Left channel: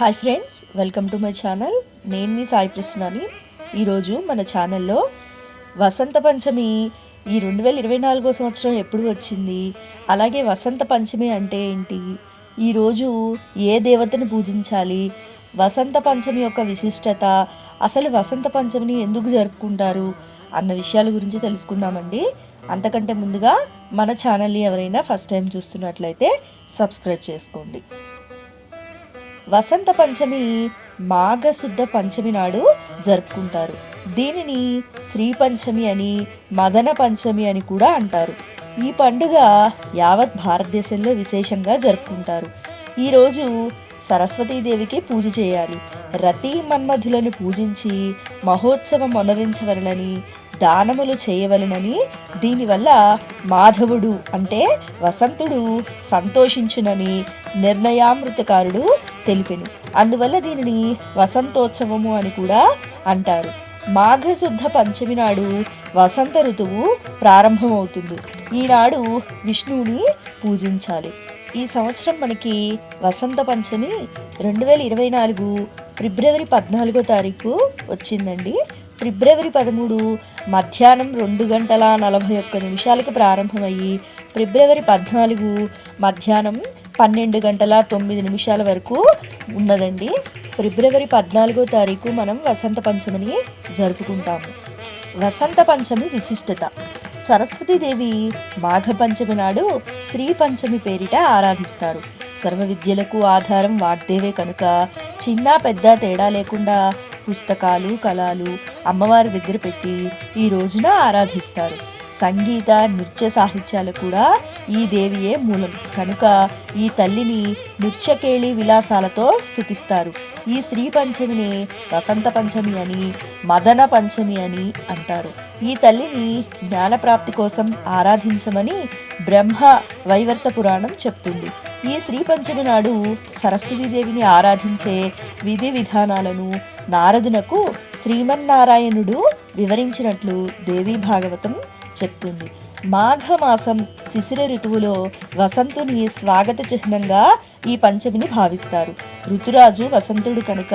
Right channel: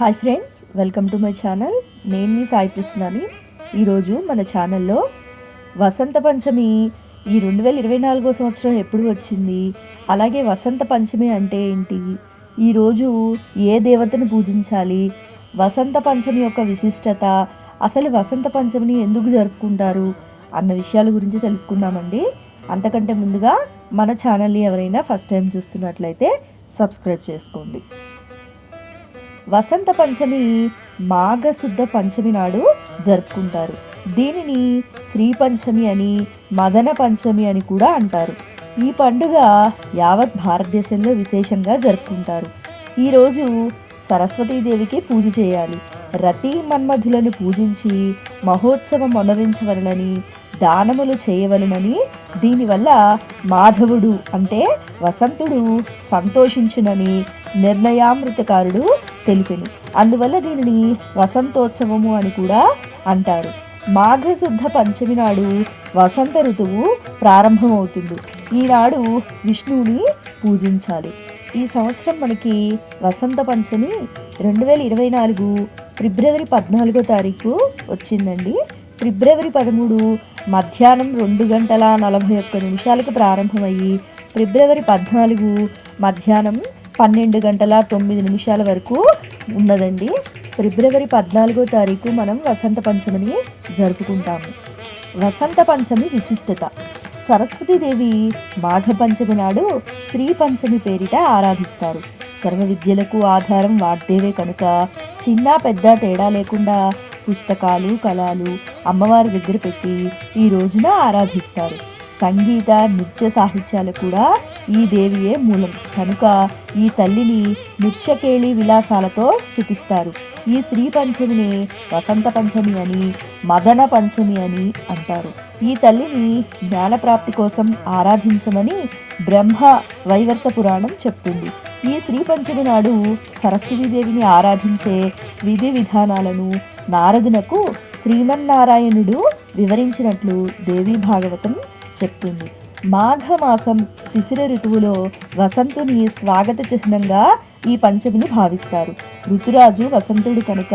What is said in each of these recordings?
Hi friends, welcome to my channel. నేను మీ సాయి కృష్ణని. ఈరోజు మన ఛానల్లో వసంత పంచమి ఈ 2024 సంవత్సరం ఎప్పుడు వచ్చింది, అలాగే వసంత పంచమి అంటే ఏంటి, ఈరోజు ఏ దేవతను పూజించాలి, వసంత పంచమి యొక్క విశిష్టత, అసలు వసంత పంచమిని ఎందుకు జరుపుకుంటారు అన్న విషయాల గురించి తెలుసుకుందామండి. అంతకంటే ముందుగా మన ఛానల్ని ఎవరైనా ఫస్ట్ టైం చూస్తున్నట్లయితే సబ్స్క్రైబ్ చేసుకోండి. వసంత పంచమి మాఘశుద్ధ పంచమి నాడు జరుపుకుంటారు. దీనిని శ్రీ పంచమి అని, మదన పంచమి అని కూడా అంటారు. ఈ పండుగ యావత్ భారతదేశంలో విశేషంగా జరుపుకుంటారు. ఈరోజు సరస్వతీదేవికి పూజ చేయాలి. రతి మన్మధులను పూజించి మహోత్సవం మొనరించవలనని, దానములు చేయవలనని, దీనివల్ల మాధవుడు అంటే వసంతుడు సంతోషించునని నిర్ణయామృతకారుడు తెలిపెను. అందువల్ల దీనిని వసంతోత్సవము అని కూడా అంటారు. మాఘశుద్ధ పంచమి నాడు వసంత ఋతువు ప్రారంభమవుతుంది. ఈనాడు విష్ణువుని పూజించాలి. ఈ సంవత్సరం మనకి వసంత పంచమి 2024 ఫిబ్రవరి 14వ తారీఖు వచ్చిందండి. ఫిబ్రవరి 13 మధ్యాహ్నం 2:41 ప్రారంభమయ్యి ఫిబ్రవరి 14 మధ్యాహ్నం 12:09 వరకు ఉన్నదండి. ఫిబ్రవరి 14వ తారీఖు మనం వసంత పంచమిని జరుపుకుంటాము. వసంత పంచమి విశిష్టత: సరస్వతీదేవి మాఘ పంచమి నాడు శ్రీ పంచమి పేరిట ఆరాధిస్తారు. సర్వ విద్యలకు ఆధారం వాగ్దేవే కనుక చిన్న పెద్ద తేడా లేకుండా పుస్తకాలు, కళలు అమ్మవారి దగ్గర పెట్టి ఈ రోజున ఆరాధిస్తారు. సంగీత, నృత్య సాహిత్యాలు కూడా ఈ దేవియే మూలం కనుక ఈ తల్లిని నృత్యకేళి విలాసాలతో స్తుతిస్తారు. ఈ శ్రీ పంచమిని వసంత పంచమి అని, మదన పంచమి అని అంటారు. ఈ తల్లిని జ్ఞానప్రాప్తి కోసం ఆరాధించమని బ్రహ్మ వైవర్త పురాణం చెప్తుంది. ఈ శ్రీ పంచమి నాడు సరస్వతీదేవిని ఆరాధించే విధి విధానాలను నారదునకు శ్రీమన్నారాయణుడు వివరించినట్లు దేవీ భాగవతం చెప్తుంది. మాఘమాసం శిశిర ఋతువులో వసంతుని స్వాగత చిహ్నంగా ఈ పంచమిని భావిస్తారు. ఋతురాజు వసంతుడు కనుక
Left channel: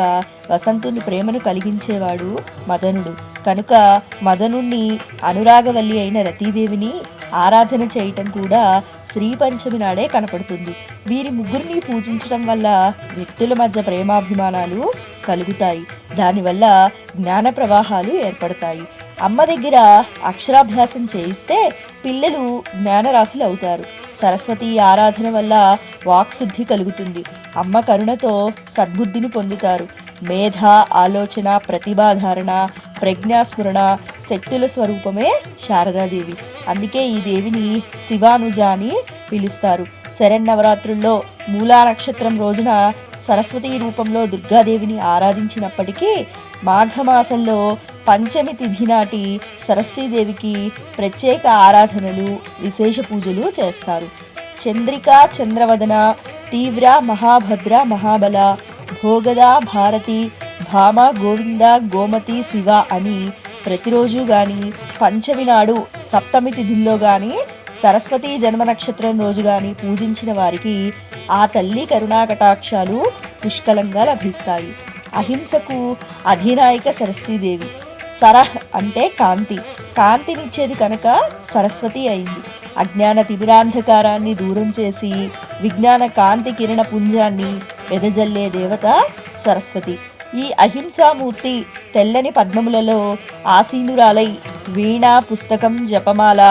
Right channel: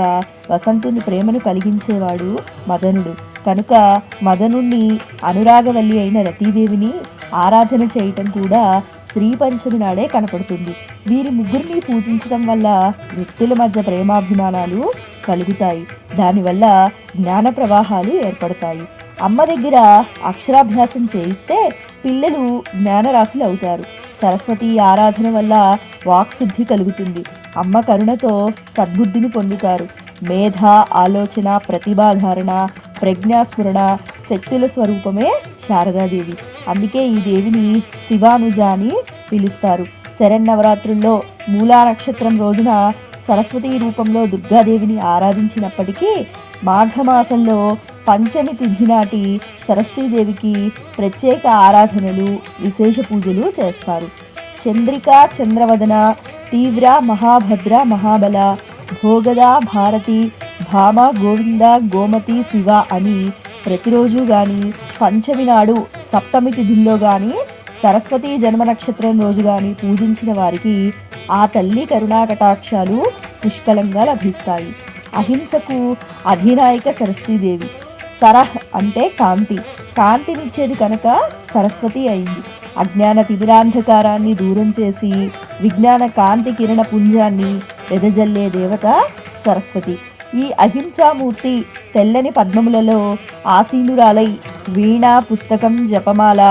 వసంతుని ప్రేమను కలిగించేవాడు మదనుడు కనుక మదనుణ్ణి అనురాగవల్లి అయిన రతీదేవిని ఆరాధన చేయటం కూడా శ్రీ పంచమి నాడే కనపడుతుంది. వీరి ముగ్గురిని పూజించడం వల్ల వ్యక్తుల మధ్య ప్రేమాభిమానాలు కలుగుతాయి. దానివల్ల జ్ఞాన ప్రవాహాలు ఏర్పడతాయి. అమ్మ దగ్గర అక్షరాభ్యాసం చేయిస్తే పిల్లలు జ్ఞానరాశులు అవుతారు. సరస్వతి ఆరాధన వల్ల వాక్శుద్ధి కలుగుతుంది. అమ్మ కరుణతో సద్బుద్ధిని పొందుతారు. మేధ, ఆలోచన, ప్రతిభాధారణ, ప్రజ్ఞాస్ఫురణ శక్తుల స్వరూపమే శారదాదేవి. అందుకే ఈ దేవిని శివానుజ అని పిలుస్తారు. శరన్నవరాత్రుల్లో మూలా నక్షత్రం రోజున సరస్వతీ రూపంలో దుర్గాదేవిని ఆరాధించినప్పటికీ మాఘమాసంలో పంచమి తిథి నాటి సరస్వతీదేవికి ప్రత్యేక ఆరాధనలు, విశేష పూజలు చేస్తారు. చంద్రిక, చంద్రవదన, తీవ్ర, మహాభద్ర, మహాబల, భోగద, భారతి, భామ, గోవింద, గోమతి, శివ అని ప్రతిరోజు కానీ, పంచమి నాడు సప్తమి తిథిలో కానీ, సరస్వతీ జన్మ నక్షత్రం రోజు కానీ పూజించిన వారికి ఆ తల్లి కరుణా కటాక్షాలు పుష్కలంగా లభిస్తాయి. అహింసకు అధినాయిక సరస్వతీదేవి. సరహ్ అంటే కాంతి, కాంతినిచ్చేది కనుక సరస్వతి అయింది. అజ్ఞాన తిమిరాంధకారాన్ని దూరం చేసి విజ్ఞాన కాంతి కిరణ పుంజాన్ని వెదజల్లే దేవత సరస్వతి. ఈ అహింసామూర్తి తెల్లని పద్మములలో ఆసీనురాలై వీణ, పుస్తకం, జపమాల,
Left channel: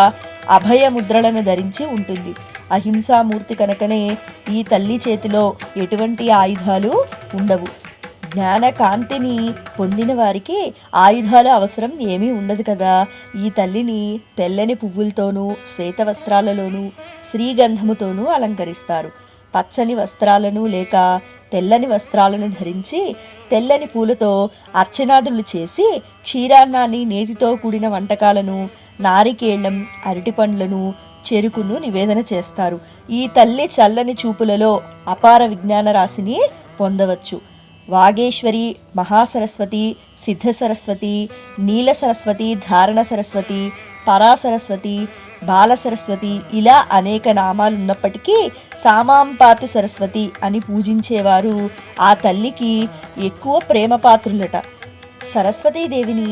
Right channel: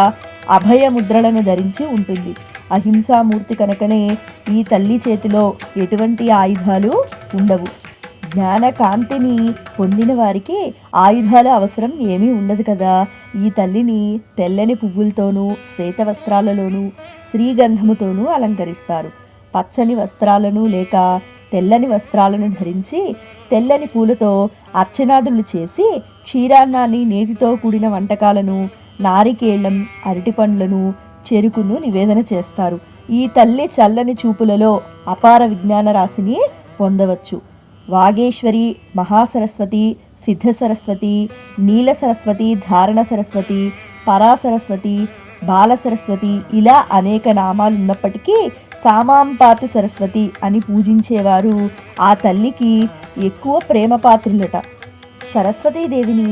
అభయముద్రలను ధరించి ఉంటుంది. అహింసామూర్తి కనుకనే ఈ తల్లి చేతిలో ఎటువంటి ఆయుధాలు ఉండవు. జ్ఞాన కాంతిని పొందిన వారికి ఆయుధాల అవసరం ఏమీ ఉండదు కదా. ఈ తల్లిని తెల్లని పువ్వులతోనూ, శ్వేత వస్త్రాలలోనూ, శ్రీగంధముతోనూ అలంకరిస్తారు. పచ్చని వస్త్రాలను లేక తెల్లని వస్త్రాలను ధరించి తెల్లని పూలతో అర్చనాదులు చేసి క్షీరాన్నాన్ని, నేతితో కూడిన వంటకాలను, నారికేళ్లం, అరటిపండ్లను, చెరుకును నివేదన చేస్తారు. ఈ తల్లి చల్లని చూపులలో అపార విజ్ఞాన రాశిని పొందవచ్చు. వాగేశ్వరి, మహాసరస్వతి, సిద్ధ సరస్వతి, నీల సరస్వతి, ధారణ సరస్వతి, పరాసరస్వతి, బాల సరస్వతి ఇలా అనేక నామాలు ఉన్నప్పటికీ సామాంపాతు సరస్వతి అని పూజించేవారు ఆ తల్లికి ఎక్కువ ప్రేమపాత్రులట. సరస్వతీదేవిని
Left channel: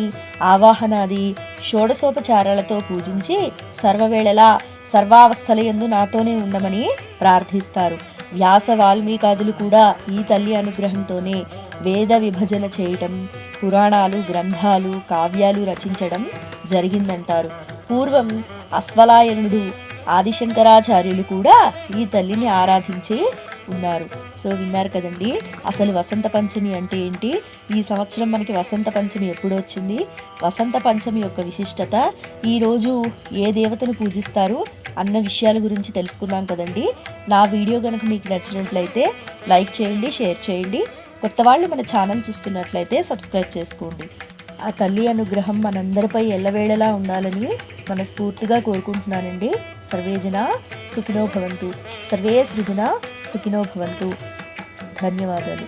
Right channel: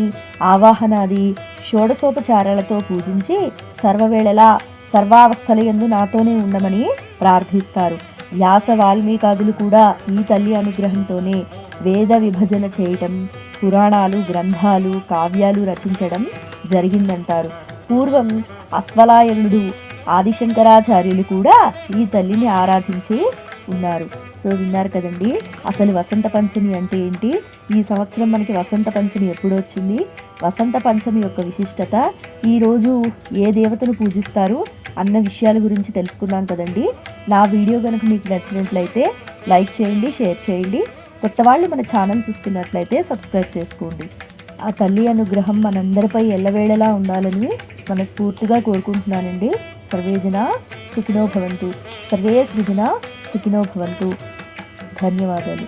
ఆవాహనాది షోడశోపచారాలతో పూజించి సర్వవేళలా సర్వావస్థలయందు నాతోనే ఉండమని ప్రార్థిస్తారు. వ్యాస వాల్మీకాదులు కూడా ఈ తల్లి అనుగ్రహంతోనే వేద విభజన చేయటం, పురాణాలు గ్రంథాలు కావ్యాలు రచించడం జరిగిందంటారు. పూర్వం అశ్వలాయనుడు ఆదిశంకరాచార్యులు కూడా ఈ తల్లిని ఆరాధించి ఉన్నారు. సో విన్నారు కదండి, అసలు వసంత పంచమి అంటే ఏంటి, ఈ సంవత్సరం మనకి వసంత పంచమి ఎప్పుడు వచ్చింది, వసంత పంచమి యొక్క విశిష్టత, ఈరోజు ఏ దేవతను పూజిస్తారు అన్న విషయాల గురించి తెలుసుకున్నాం కదండి. నా వీడియో కనుక మీకు నచ్చినట్లయితే లైక్ చేయండి, షేర్ చేయండి. కొత్త వాళ్ళు మన ఛానల్ చూస్తున్నట్లయితే సబ్స్క్రైబ్ చేసుకోండి. ఆ తల్లి అనుగ్రహం మనందరిపై ఎల్లవేళలా ఉండాలని మనస్ఫూర్తిగా కోరుకుంటున్నానండి. సర్వేజన సుఖినో భవంతు, సర్వే సృజన సుఖినో భవంతు. ధన్యవాదాలు.